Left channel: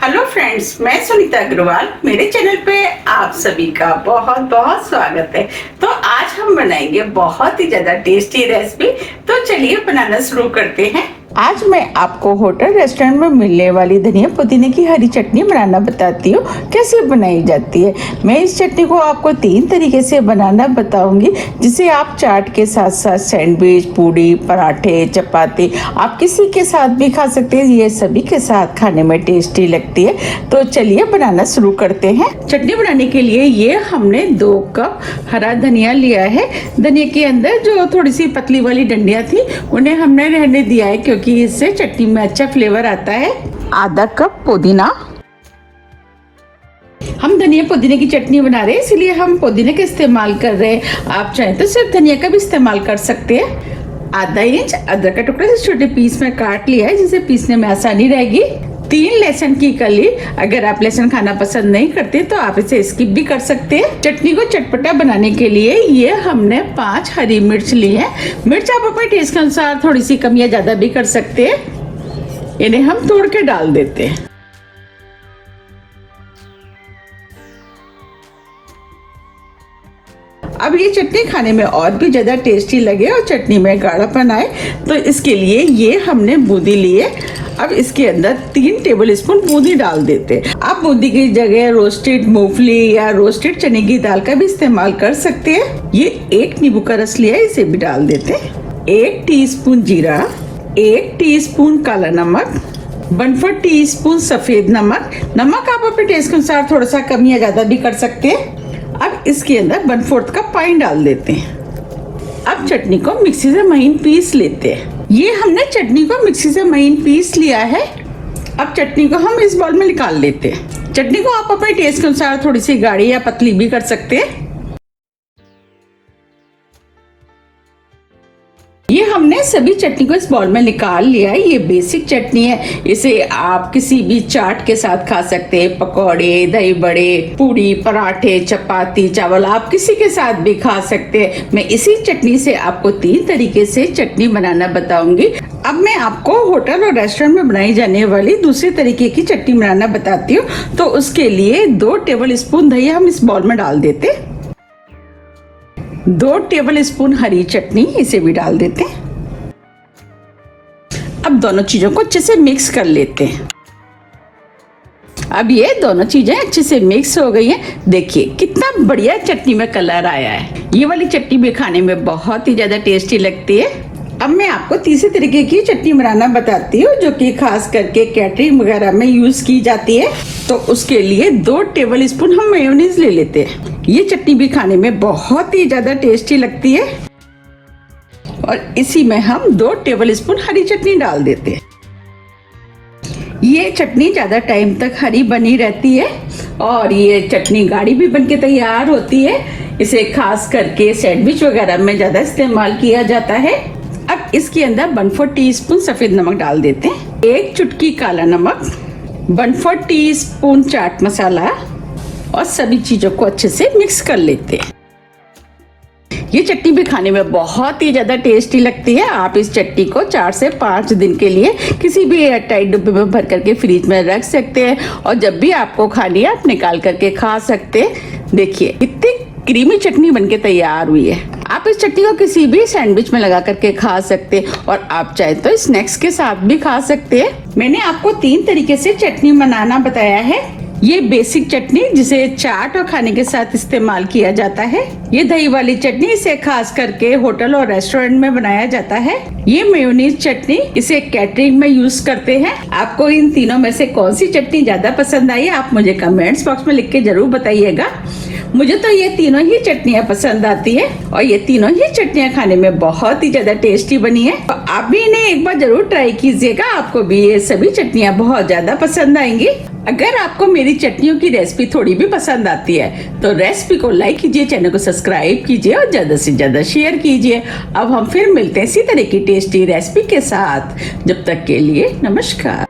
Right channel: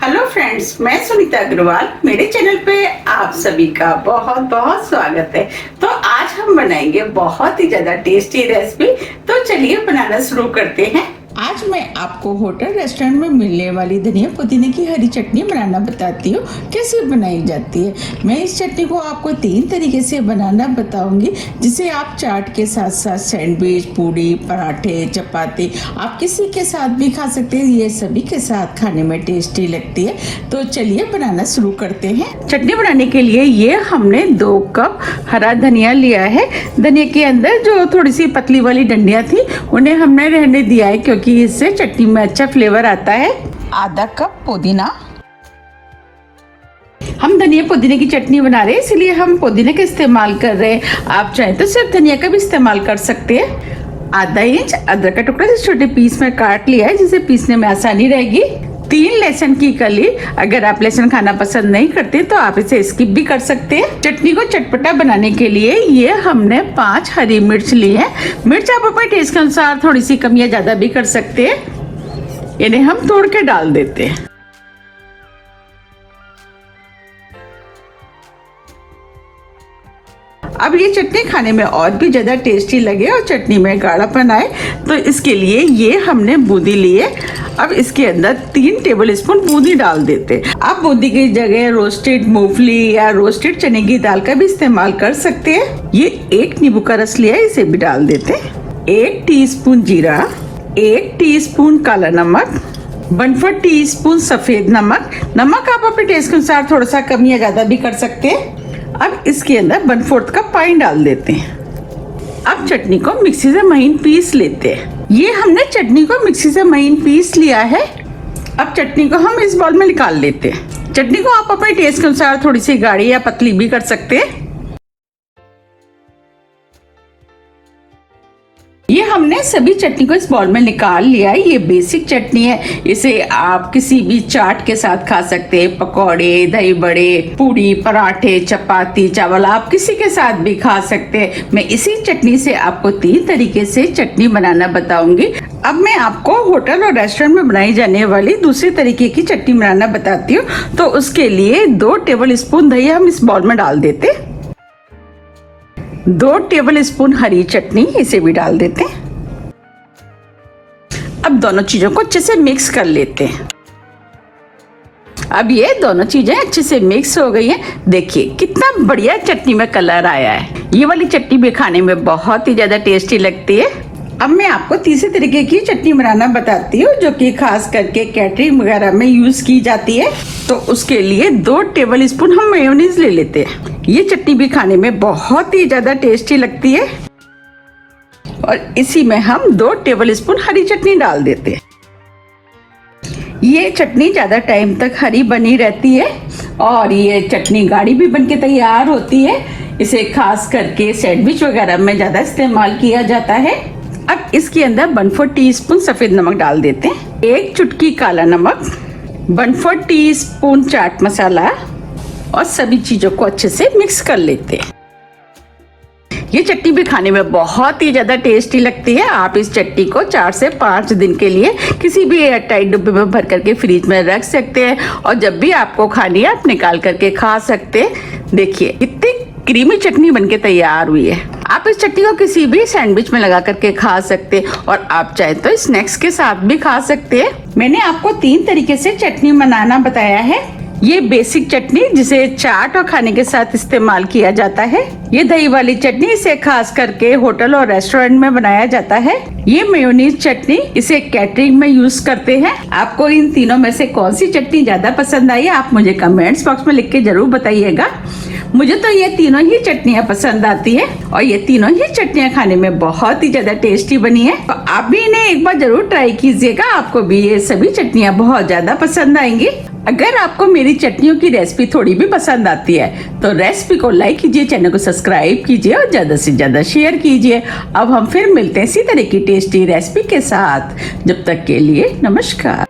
Hello friends, मैं सुनीता अग्रवाल। मेरे channel पे आप सभी का बहुत बहुत स्वागत है। तो आज हम बनाएंगे बहुत ही ज्यादा टेस्टी रेसिपी। तो चलिए बनाना शुरू करते हैं। आज मैं आपको होटल रेस्टोरेंट में मिलने वाली धनिया पुदीने की हरी चटनी बनाना बताती हूँ कैसे बनाई जाती है। मैं इस चटनी को आपको 3 तरीके से बनाना बताऊंगी, जिसे आप चाट के साथ साथ सैंडविच, पूड़ी, पराठे, चपाती, आप किसी के साथ भी खा सकते हैं। ये सभी के साथ खाने में टेस्टी लगती है। तो चलिए बनाना शुरू करते हैं। चटनी बनाने के लिए ये हमने 2 कप हरा धनिया लिया है। धनिया के अंदर जो थोड़ी सी पतली वाली डंडियां थी उन्हें हमने रहने दिया है, क्योंकि इससे चटनी में अच्छा फ्लेवर आता है। आधा कप पुदीना। हम धनिया पुदीने की चटनी बना रहे हैं, इसलिए हम पुदीने का इस्तेमाल कर रहे हैं। आप चाहें तो सिर्फ धनिया का भी इस्तेमाल कर सकते हैं। आधा इंच अदरक का टुकड़ा छोटे पीस में काट लिया है, जिसे पीसने में आसानी रहेगी। 3 लहसुन की कली। अगर आप लहसुन खाना पसंद नहीं करते तो आप इसे स्किप भी कर सकते हैं। चटनी को चटपटा बनाने के लिए ये हमने 5 हरी मिर्च ली है। मिर्च आप अपने टेस्ट के अनुसार थोड़ी सी कम या ज्यादा भी कर सकते हैं। इन्हें हम तोड़ के डाल देते हैं। अब ये चटनी खाने में और भी ज्यादा टेस्टी लगे और चटनी में गाढ़ापन आए, तो इसके लिए ये हमने बूंदी लिए। अब इसके अंदर 3 टेबल स्पून बूंदी डाल देते। आप बूंदी की जगह रोस्टेड मूंगफली या रोस्टेड चने की दाल का भी इस्तेमाल कर सकते हैं। ये 1 नींबू का रस लिया है, इसे भी डाल देते। 1 टीस्पून जीरा, 1 टीस्पून काला नमक, 1/4 टीस्पून सफेद नमक। नमक आप अपने टेस्ट के अनुसार थोड़ा सा कम या ज्यादा भी कर सकते हैं। अब इसके अंदर 1/4 कप पानी डाल देते हैं। अब चटनी को मिक्सी से महीन पीस लेते हैं। ये हमने चटनी को मिक्सी से महीन पीस लिया है। अब चटनी को हम इस बाउल में निकाल लेते हैं। चटनी को आप अपने टेस्ट के अनुसार थोड़ी सी गाढ़ी या पतली भी कर सकते हैं। ये हमने सभी चटनी को इस बाउल में निकाल लिया है। ये बेसिक चटनी है, इसे आप किसी भी चाट के साथ खा सकते हैं। पकौड़े, दही बड़े, पूड़ी, पराठे, चपाती, चावल, आप किसी के साथ भी खा सकते हैं। मैं इसी चटनी से आपको 3 तरीके से चटनी बनाना बताऊंगी। अब मैं आपको होटल और रेस्टोरेंट में बनाई जाने वाली दूसरे तरीके की चटनी बनाना बताती हूँ। तो उसके लिए 2 टेबल स्पून दही हम इस बाउल में डाल देते। 2 टेबल स्पून हरी चटनी, इसे भी डाल देते हैं। अब दोनों चीजों को अच्छे से मिक्स कर लेते हैं। अब ये दोनों चीजें अच्छे से मिक्स हो गई हैं। देखिए कितना बढ़िया चटनी में कलर आया है। ये वाली चटनी भी खाने में बहुत ही ज्यादा टेस्टी लगती है। अब मैं आपको तीसरे तरीके की चटनी बनाना बताती हूँ, जो कि खास करके कैटरिंग वगैरह में यूज की जाती है। तो उसके लिए 2 टेबल स्पून हम मेयोनीज ले लेते हैं। ये चटनी भी खाने में बहुत ही ज्यादा टेस्टी लगती है। और इसी में हम 2 टेबल स्पून हरी चटनी डाल देते हैं। ये चटनी ज्यादा टाइम तक हरी बनी रहती है और ये चटनी गाढ़ी भी बनके तैयार होती है। इसे खास करके सैंडविच वगैरह में ज्यादा इस्तेमाल किया जाता है। अब इसके अंदर 1/4 टीस्पून सफेद नमक डाल देते हैं। 1 चुटकी काला नमक, 1/4 टीस्पून चाट मसाला और सभी चीजों को अच्छे से मिक्स कर लेते हैं। ये चटनी भी खाने में बहुत ही ज्यादा टेस्टी लगती है। आप इस चटनी को 4 से 5 दिन के लिए किसी भी एयरटाइट डिब्बे में भर करके फ्रिज में रख सकते हैं और जब भी आपको खानी है आप निकाल करके खा सकते हैं। देखिए कितनी क्रीमी चटनी बनके तैयार हुई है। आप इस चटनी को किसी भी सैंडविच में लगा करके खा सकते हैं और आप चाहे तो स्नैक्स के साथ भी खा सकते हैं। मैंने आपको 3 तरीके से चटनी बनाना बताया है। ये बेसिक चटनी जिसे चाट और खाने के साथ इस्तेमाल किया जाता है। ये दही वाली चटनी, इसे खास करके होटल और रेस्टोरेंट में बनाया जाता है। ये मेयोनीज चटनी, इसे कैटरिंग में यूज करते हैं। आपको इन तीनों में से कौन सी चटनी ज्यादा पसंद आई, आप मुझे कमेंट्स बॉक्स में लिख के जरूर बताइएगा। मुझे तो ये तीनों ही चटनियाँ पसंद आती है और ये तीनों ही चटनियाँ खाने में बहुत ही ज्यादा टेस्टी बनी है। तो आप भी इन्हें एक बार जरूर ट्राई कीजिएगा, आपको भी ये सभी चटनियाँ बहुत ज्यादा पसंद आएंगी। अगर आपको मेरी चटनियों की रेसिपी थोड़ी भी पसंद आती है तो रेसिपी को लाइक कीजिए, चैनल को सब्सक्राइब कीजिए और ज्यादा से ज्यादा शेयर कीजिए। अब हम फिर मिलते हैं इसी तरह की टेस्टी रेसिपी के साथ। जब तक के लिए नमस्कार।